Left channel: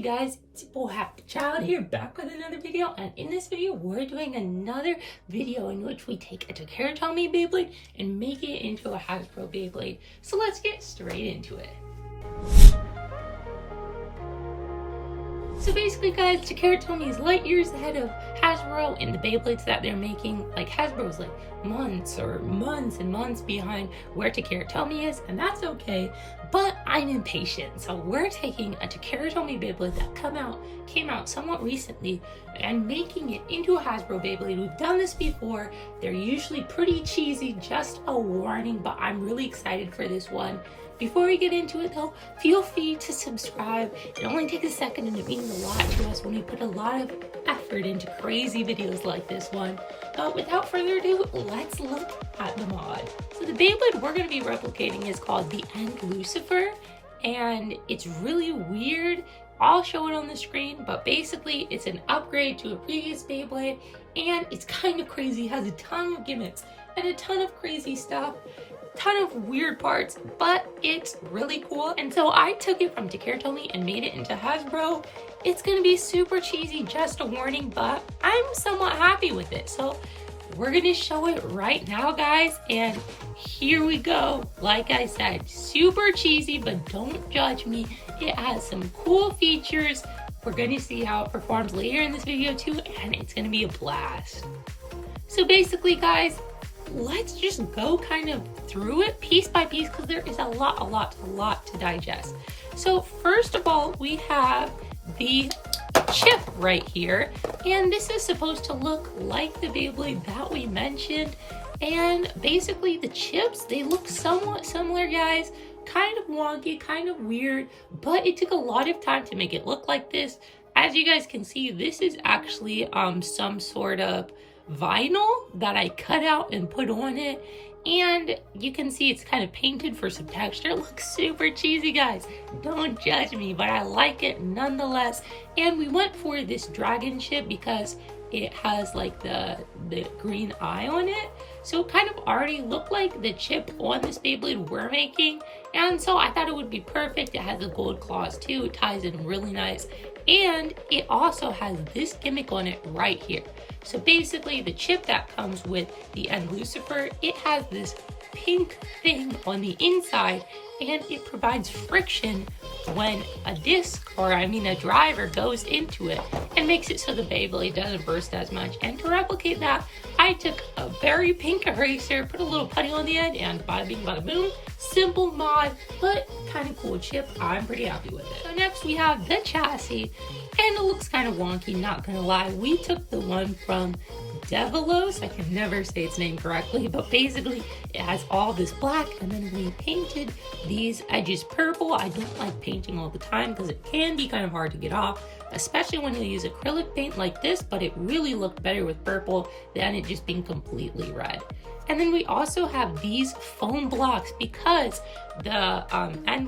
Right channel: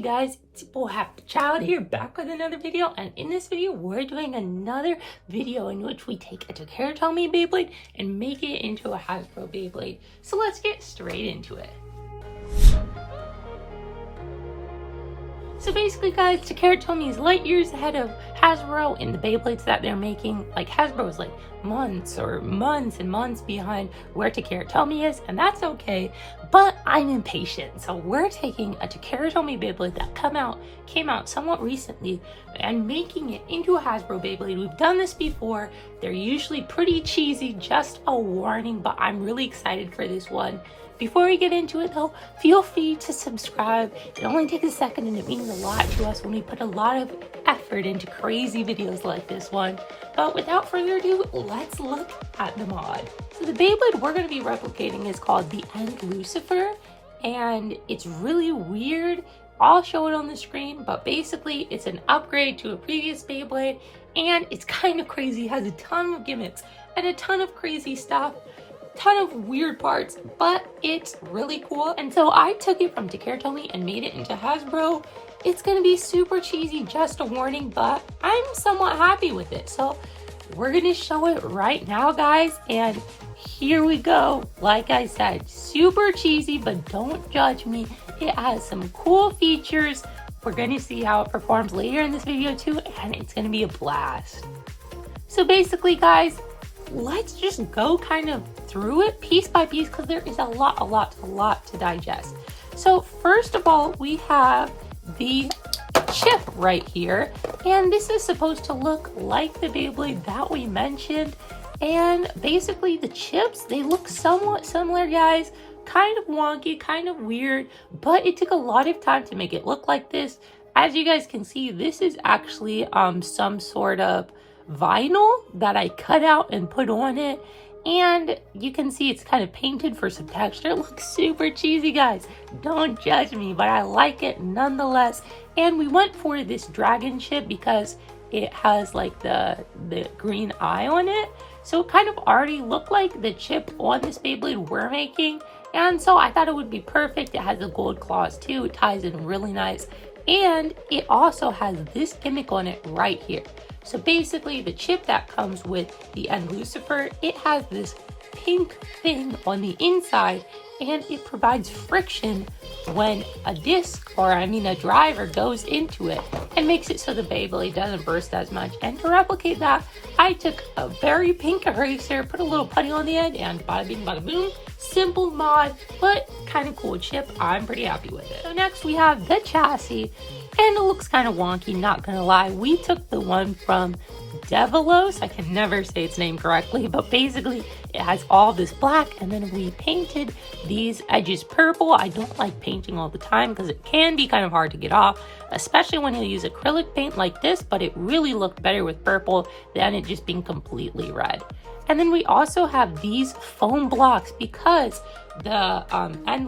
Hey guys, it's your boy Happy Child here, back with another video, and in this video we're doing another video in which we take a Takaratomy Beyblade and make it into a Hashbro Beyblade. So let's get straight into it. So basically guys, Takaratomy is light years ahead of Hasbro in the Beyblades that they're making. Like Hasbro is like months and months behind where Takaratomy is, and that's okay, but I'm impatient. So we're taking a Takaratomy Beyblade that came out somewhat recently and making it into a Hasbro Beyblade. We've done this before. They're usually pretty cheesy, just a warning, but I'm really excited for this one. Before we get into it though, feel free to subscribe. It only takes a second and it means a lot to us when we put a lot of effort into crazy videos like this one. But without further ado, let's look at the mod. So the Beyblade we're going to be replicating is called the Lucifer, and it's really weird. I'll show it on the screen, but basically it's an upgrade to a previous Beyblade, and it's kind of crazy. It has a ton of gimmicks and a ton of crazy stuff. Ton of weird parts, but it's really cool. And so I took it from Takaratomy and made it into Hasbro. It's gonna be super cheesy, just a warning, but I'm somewhat happy with it. So we're gonna show it right now, guys, and here we go. Like I said, super cheesy, but don't judge me. It has some cool features. We're gonna see how it performs later in this video too, and it's gonna be a blast. So basically, guys, let's just go kind of through it piece by piece because there is a lot to digest. So first of all, we have the chip right here, and this is supposed to look like the Beyblade that we mentioned. And basically the chips, they look somewhat similar, guys. Kind of wonky, kind of weird, but it took a lot of time to make it look like this. As you guys can see, this is actually some sort of vinyl that I cut out and put on it, and you can see it's kind of painted for some texture. It looks super cheesy, guys, don't judge me, but I like it nonetheless. And we went for this dragon chip because it has like the green eye on it, so it kind of already looked like the chip on this Beyblade we're making, and so I thought it would be perfect. It has the gold claws too, it ties in really nice, and it also has this gimmick on it right here. So basically the chip that comes with the Lucifer, it has this pink thing on the inside, and it provides friction when a disc, or I mean a driver, goes into it and makes it so the Beyblade doesn't burst as much. And to replicate that, I took a very pink eraser, put a little putty on the end, and bada bing bada boom. Simple mod, but kind of cool chip. I'm pretty happy with it. So next we have the chassis, and it looks kind of wonky, not gonna lie. We took the one from Devilos, I can never say its name correctly, but basically it has all this black, and then we painted these edges purple. I don't like painting all the time because it can be kind of hard to get off, especially when you use acrylic paint like this, but it really looked better with purple than it just being completely red. And then we also have these foam blocks because the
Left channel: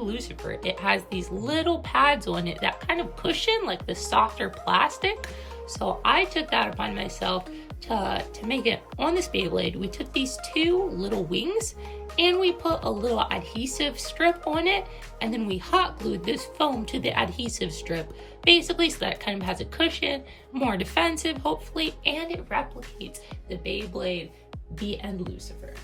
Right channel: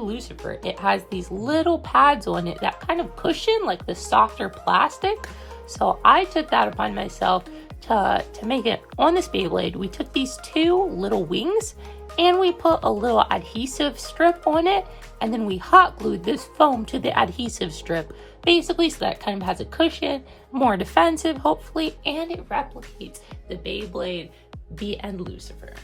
Lucifer, it has these little pads on it that kind of cushion like the softer plastic. So I took that upon myself to make it on this Beyblade. We took these two little wings and we put a little adhesive strip on it, and then we hot glued this foam to the adhesive strip, basically so that it kind of has a cushion, more defensive hopefully, and it replicates the Beyblade, the Lucifer.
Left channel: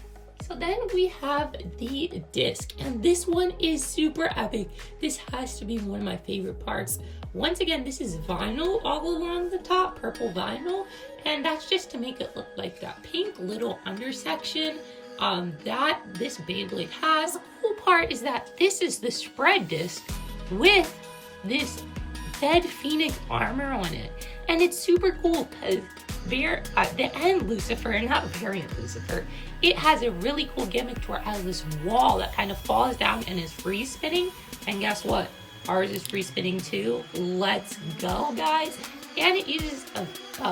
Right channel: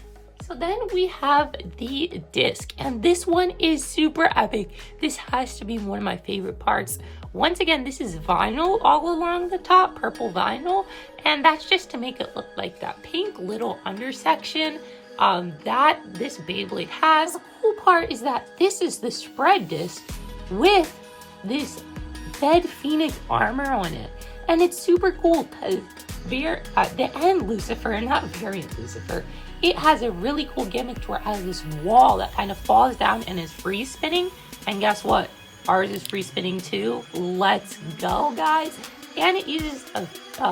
So then we have the disc, and this one is super epic. This has to be one of my favorite parts. Once again, this is vinyl all along the top, purple vinyl, and that's just to make it look like that pink little undersection that this Beyblade has. The cool part is that this is the spread disc with this dead phoenix armor on it, and it's super cool because the Lucifer, not variant Lucifer, it has a really cool gimmick where it has this wall that kind of falls down and is free spinning, and guess what? Ours is free spinning too. Let's go, guys. And it uses a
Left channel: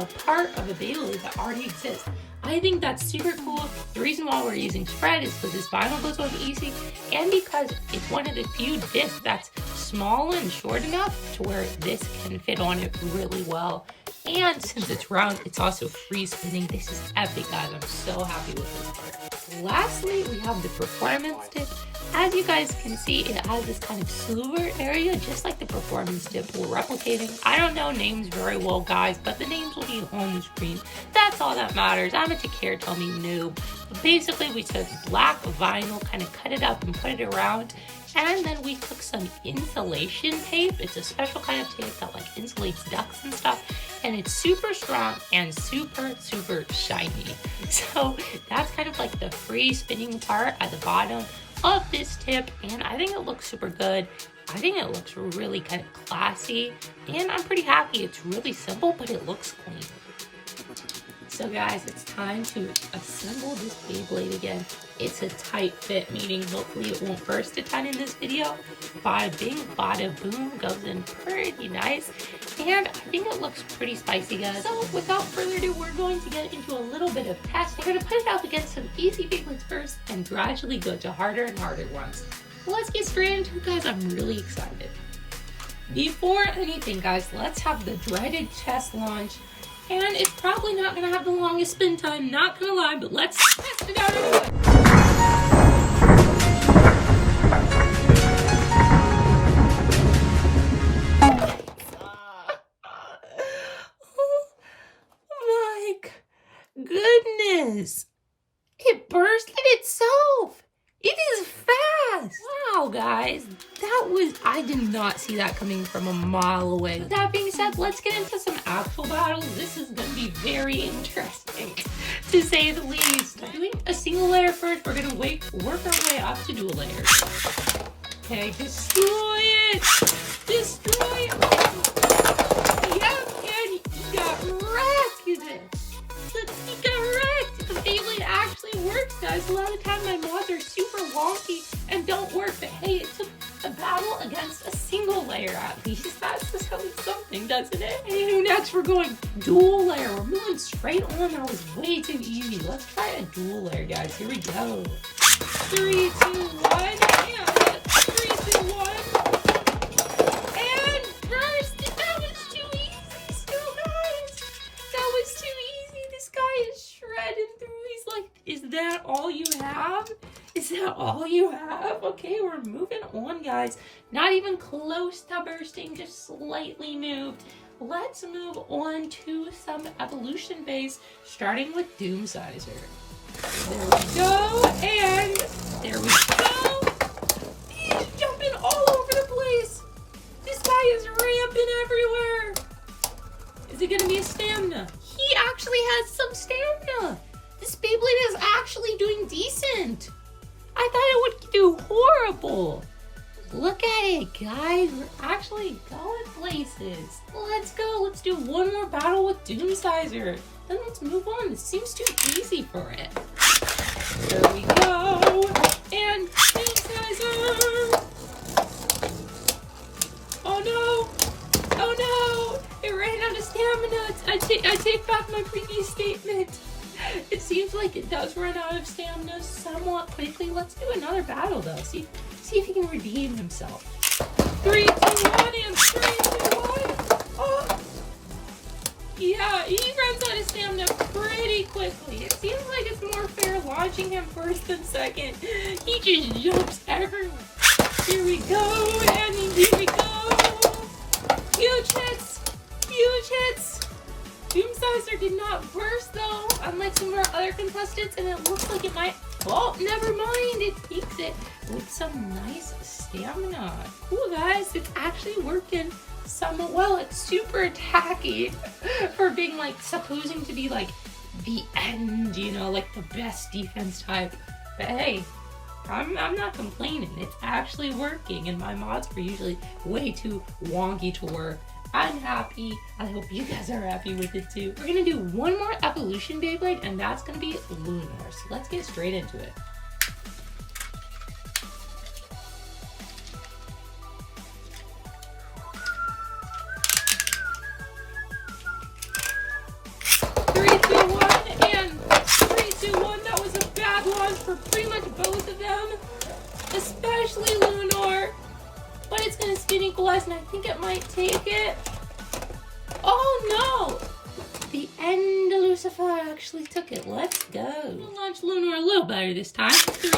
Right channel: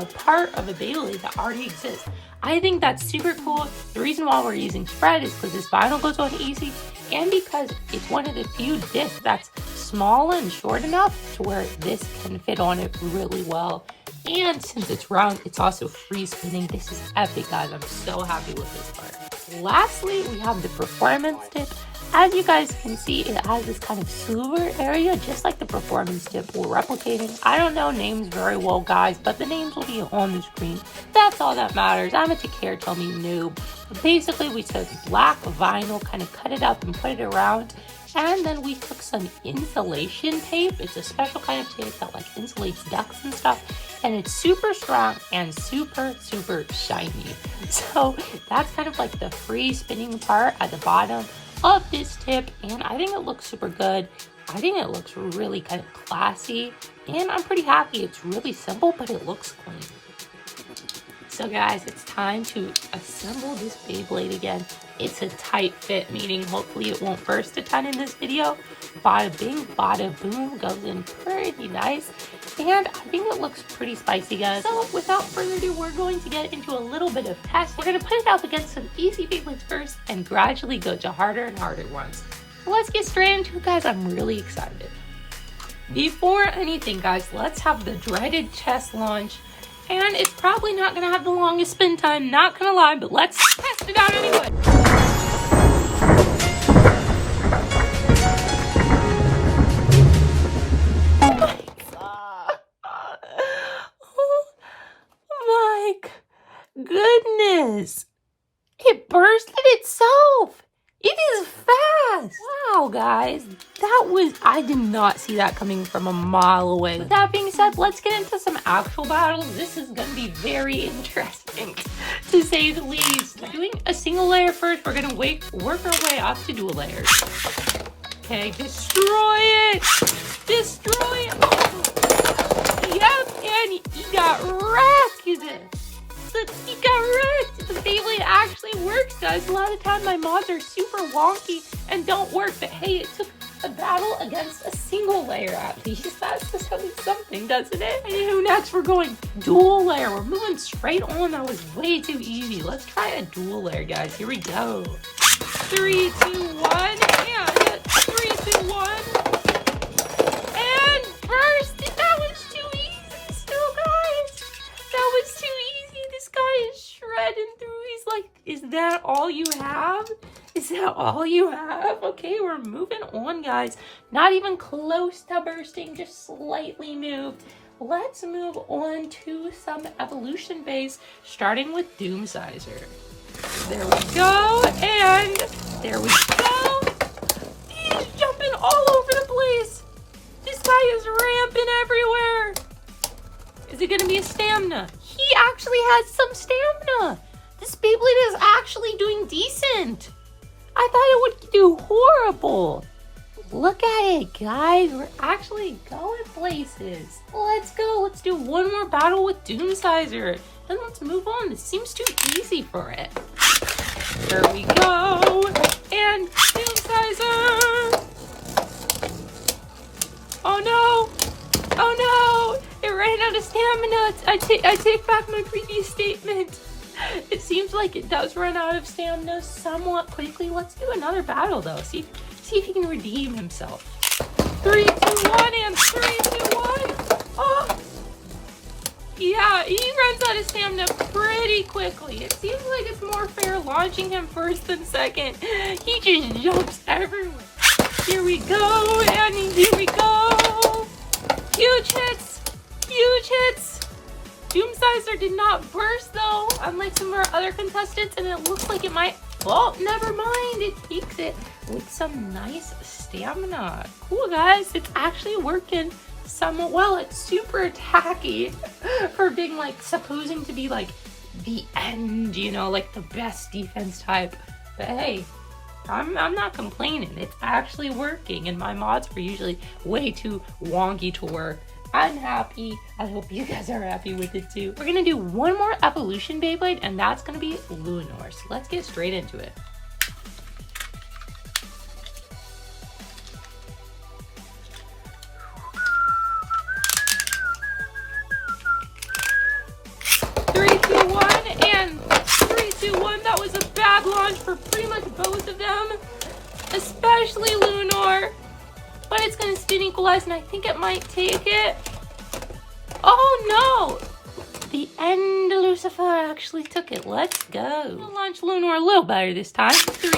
part of a Beyblade that already exists. I think that's super cool. The reason why we're using spread is because this vinyl goes on easy, and because it's one of the few discs that's small and short enough to where this can fit on it really well. And since it's round, it's also free spinning. This is epic, guys. I'm so happy with this part. Lastly, we have the performance tip. As you guys can see, it has this kind of silver area, just like the performance tip we're replicating. I don't know names very well, guys, but the names will be on the screen. That's all that matters. I'm a Takaratomy noob. Basically, we took black vinyl, kind of cut it up and put it around, and then we took some insulation tape. It's a special kind of tape that like insulates ducts and stuff, and it's super strong and super shiny. So that's kind of like the free spinning part at the bottom of this tip, and I think it looks super good. I think it looks really kind of classy, and I'm pretty happy. It's really simple, but it looks clean. So guys, it's time to assemble this Beyblade again. It's a tight fit, meaning hopefully it won't burst a ton in this video. Bada bing, bada boom, goes in pretty nice. And I think it looks pretty spicy, guys. So without further ado, we're going to get into a little bit of test. We're going to put it up against some easy Beyblades first and gradually go to harder and harder ones. Let's get straight into it, guys. I'm really excited. Before anything, guys, let's have the dreaded chest launch. And it's probably not going to have the longest spin time, not going to lie, but let's test it out anyway. Oh my goodness. It bursted itself. It is fast. Wow, guys. I did not see that coming from a mile away. With that being said, let's get into some actual battles. This is going to be very interesting, to say the least. Doing a single layer first, we're going to work our way up to dual layers. Okay, destroy it. Destroy it. Yep, and he got wrecked. He got wrecked. The Beyblade actually works, guys. A lot of times my mods are super wonky and don't work, but hey, it took a battle against a single layer at least. That's just something, doesn't it? And next we're going dual layer. We're moving straight on. That was way too easy. Let's try a dual layer, guys. Here we go. 3, 2, 1, and 3, 2, 1. And first, that was too easy. Still, guys, that was too easy. This guy is shredding through. He's like, is that all you have? Is that all you have? Okay, we're moving on, guys. Not even close to bursting, just slightly moved. Let's move on to some evolution base, starting with Doomsizer. There we go, and there we go. He's jumping all over the place. This guy is ramping everywhere. Is it gonna be a stamina? He actually has some stamina. This Beyblade is actually doing decent. I thought it would do horrible. Look at it, guys. We're actually going places. Let's go. Let's do one more battle with Doomsizer. Then let's move on. This seems too easy for it. There we go. And Doomsizer. Oh no. Oh no. It ran out of stamina. I take back my previous statement. It seems like it does run out of stamina somewhat quickly. Let's do another battle though. See if he can redeem himself. 3, 2, 1, and 3, 2, 1. Oh. Yeah, he runs out of stamina pretty quickly. It seems like it's more fair launching him first than second. He just jumps everywhere. Here we go, and here we go. Huge hits. Huge hits. Doomsizer did not burst though, unlike some of our other contestants, and it looks like it might. Oh, never mind. It keeps it with some nice stamina. Cool, guys. It's actually working somewhat well. It's super tacky for being like supposing to be like the end, you know, like the best defense type. But hey, I'm not complaining. It's actually working, and my mods are usually way too wonky to work. I'm happy. I hope you guys are happy with it too. We're gonna do one more evolution Beyblade, and that's gonna be Lunar. So let's get straight into it. For pretty much both of them, especially Lunar, but it's gonna spin equalize, and I think it might take it. Oh no! the end, Lucifer actually took it. Let's go. We'll launch Lunar a little better this time. 3,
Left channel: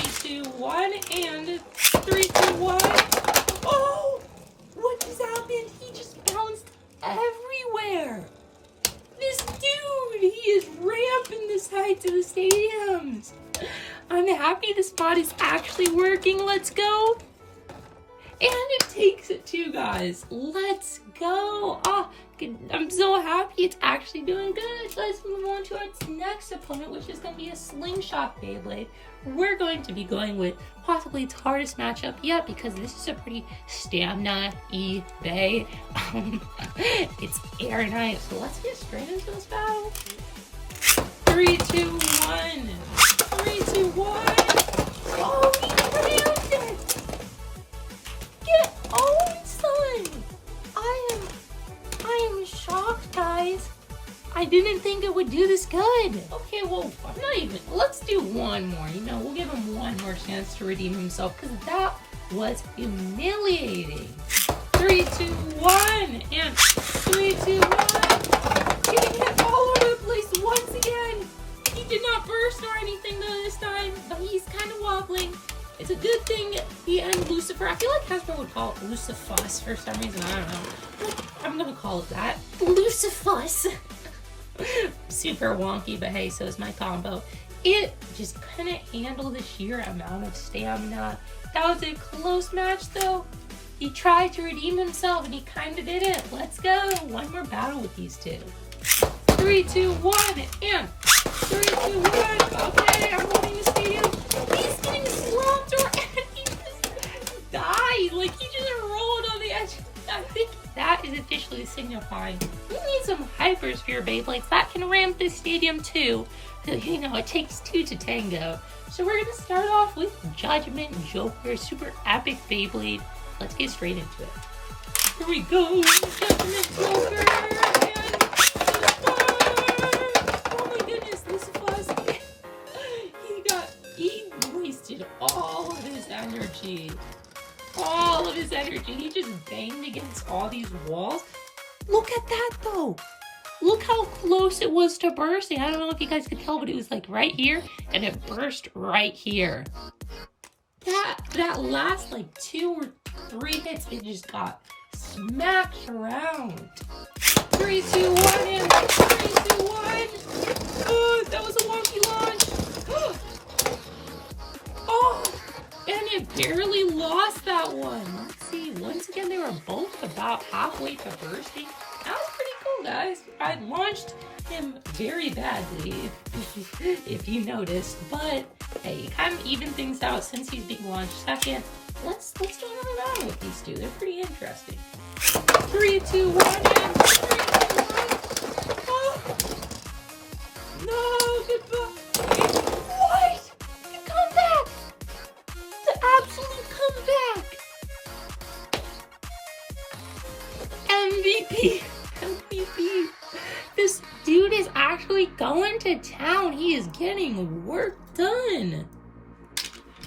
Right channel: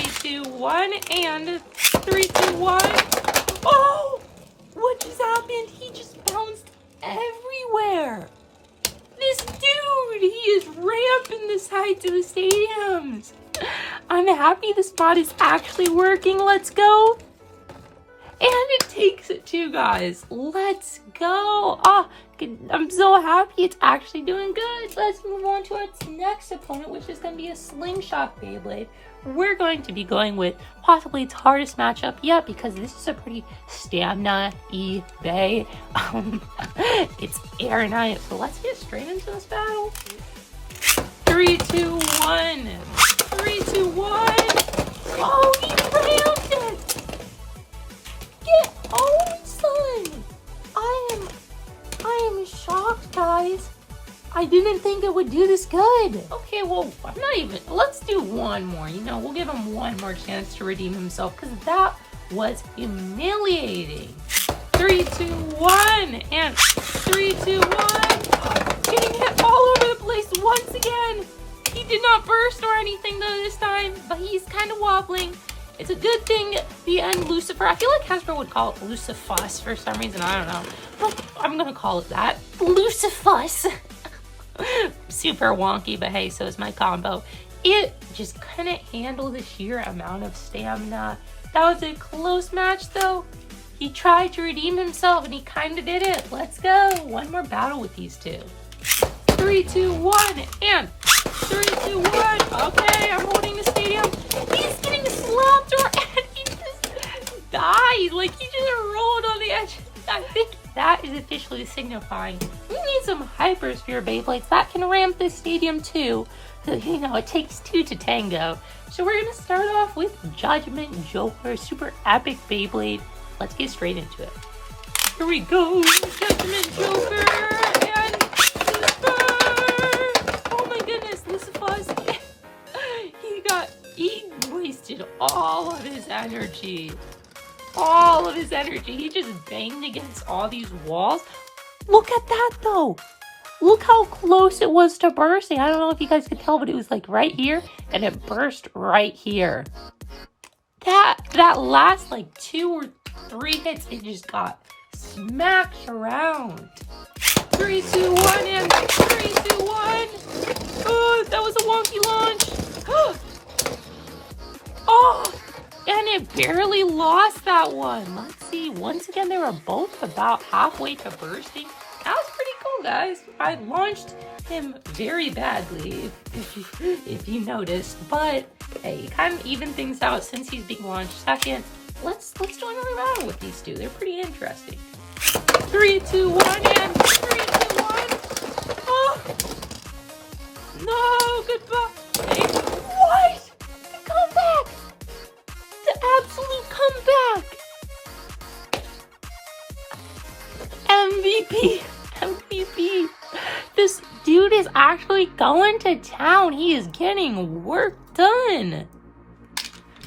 2, 1, and 3, 2, 1. Oh! What just happened? He just bounced everywhere. This dude, he is ramping the sides of the stadiums. I'm happy the spot is actually working. Let's go. And it takes it too, guys. Let's go. Oh, I'm so happy it's actually doing good. Let's move on to our next opponent, which is going to be a Slingshot Beyblade. We're going to be going with possibly its hardest matchup yet, because this is a pretty stamina-y bay. It's air night, so let's get straight into this battle. 3, 2, 1. 3, 2, 1. Oh, he rammed it. Get owned, son. I am shocked, guys. I didn't think it would do this good. Okay, well, I'm not even. Let's do one more. You know, we'll give him one more chance to redeem himself, because that was humiliating. 3, 2, 1, and 3, 2, 1. Getting hit all over the place once again. He did not burst or anything though this time, but he's kind of wobbling. It's a good thing the end Lucifer. I feel like Hasbro would call it Lucifus for some reason. I don't know. But I'm gonna call it that. Lucifus. Super wonky, but hey, so is my combo. It just couldn't handle the sheer amount of stamina. That was a close match though. He tried to redeem himself and he kind of did it. Let's go. One more battle with these two. 3, 2, 1, and 3, 2, 1. Okay, I'm holding the stadium. He's getting slapped and he just died. Like he just rolled on the edge. I think that is officially signifying we need some Hypersphere Beyblades that can ramp this stadium too. You know, it takes two to tango. So we're going to start off with Judgment Joker Super Epic Beyblade. Let's get straight into it. Here we go. Judgment Joker. And oh my goodness, Lucifer. He wasted all of his energy. All of his energy. He just banged against all these walls. Look at that though. Look how close it was to bursting. I don't know if you guys could tell, but it was like right here and it burst right here. That last like 2 or 3 hits, it just got smacked around. 3, 2, 1, and 3, 2, 1. Oh, that was a wonky launch. Oh, and it barely lost that one. Let's see. Once again, they were both about halfway to bursting. That was pretty cool, guys. I launched him very badly, if you noticed, but hey, kind of even things out since he's being launched second. Let's do another round with these two. They're pretty interesting. 3, 2, 1, and 3, 2, 1. Oh. No, goodbye. What? The comeback! The absolute comeback! MVP. This dude is actually going to town. He is getting work done.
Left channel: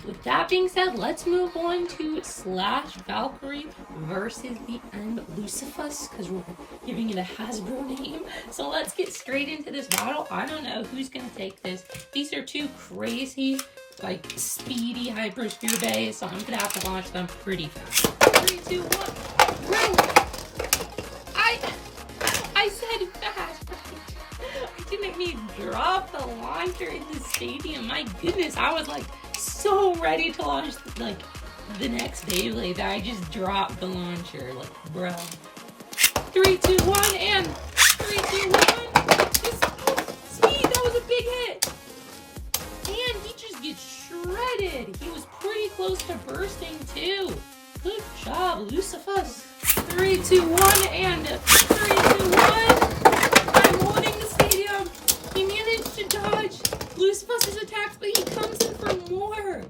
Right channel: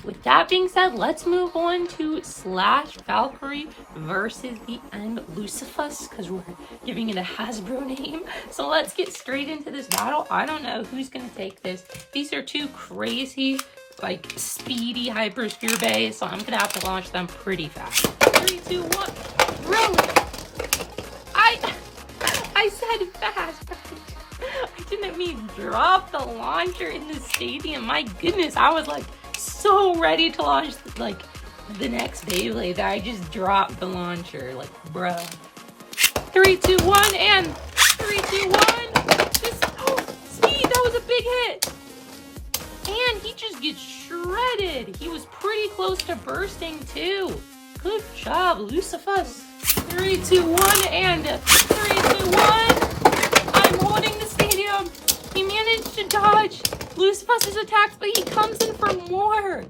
With that being said, let's move on to Slash Valkyrie versus the end Lucifus, because we're giving it a Hasbro name. So let's get straight into this battle. I don't know who's going to take this. These are two crazy, like, speedy Hypersphere bays, so I'm going to have to launch them pretty fast. 3, 2, 1. Run! I said fast. I didn't mean drop the launcher in the stadium. My goodness, I was like so ready to launch like the next Beyblade that I just dropped the launcher. Like, bro. 3, 2, 1, and 3, 2, 1. Speed, that was a big hit. And he just gets shredded. He was pretty close to bursting too. Good job, Lucifer. 3, 2, 1, and 3, 2, 1. I'm holding the stadium. He managed to dodge Lucifus's attacks, but he comes in for more.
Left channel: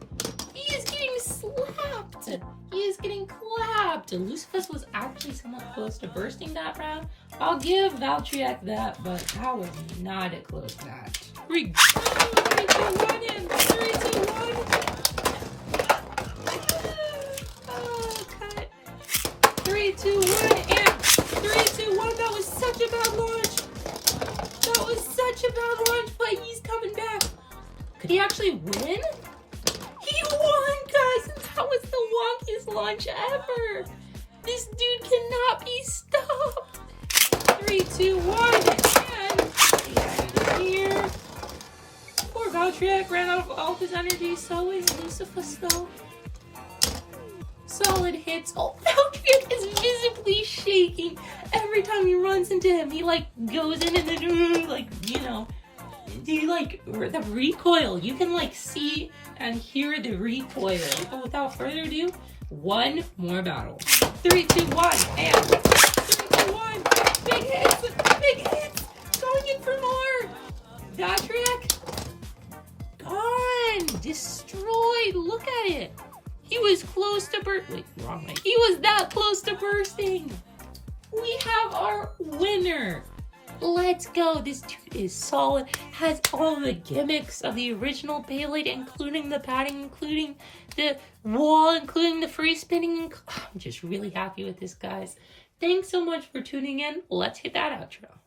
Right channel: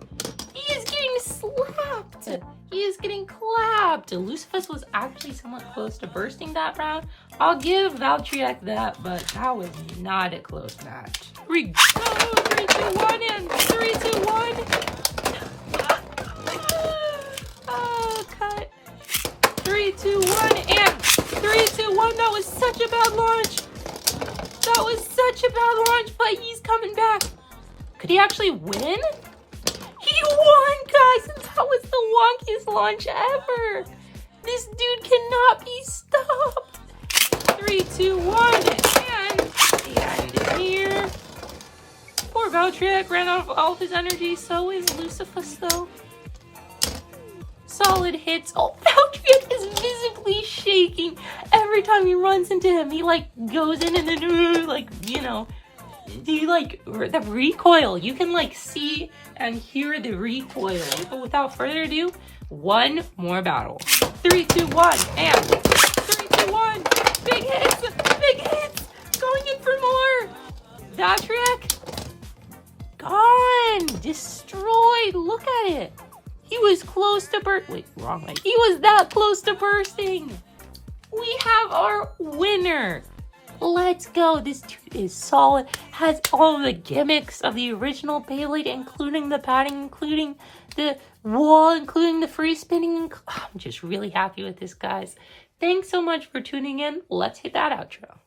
He is getting slapped. He is getting clapped. Lucifus was actually somewhat close to bursting that round. I'll give Valkyrie that, but that was not a close match. Here we go. 3, 2, 1, and 3, 2, 1. Oh, cut. 3, 2, 1, and 3, 2, 1. That was such a bad launch. That he actually win? He won, guys! That was the wonkiest launch ever! This dude cannot be stopped! 3, 2, 1, and here. Poor Valtryek ran out of all his energy, so is Lucifer though. Solid hits. Oh, Valtryek is visibly shaking every time he runs into him. He like goes in and then like, you know, he like the recoil. You can like see and hear the recoil. But without further ado, one more battle. 3, 2, 1, and 3, 2, 1. Big hits, big hits. Going in for more. Valtryek gone, destroyed. Look at it. He was close to wait, wrong way. He was that close to bursting. We have our winner. Let's go. This dude is solid. Has all the gimmicks of the original Beyblade, including the padding, including the wall, including the free spinning. I'm just really happy with this, guys. Thanks so much for tuning in. Let's hit that outro.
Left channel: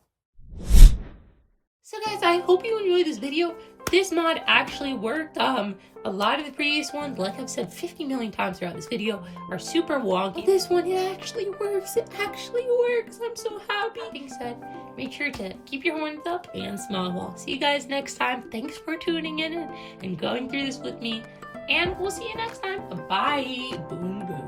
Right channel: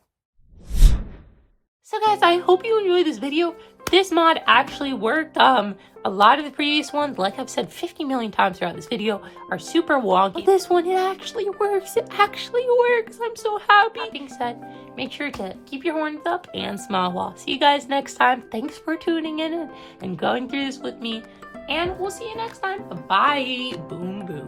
So guys, I hope you enjoyed this video. This mod actually worked. A lot of the previous ones, like I've said 50 million times throughout this video, are super wonky. But this one, it actually works. It actually works. I'm so happy. That being said, make sure to keep your horns up and smile well. See you guys next time. Thanks for tuning in and going through this with me. And we'll see you next time. Bye. Boom, boom.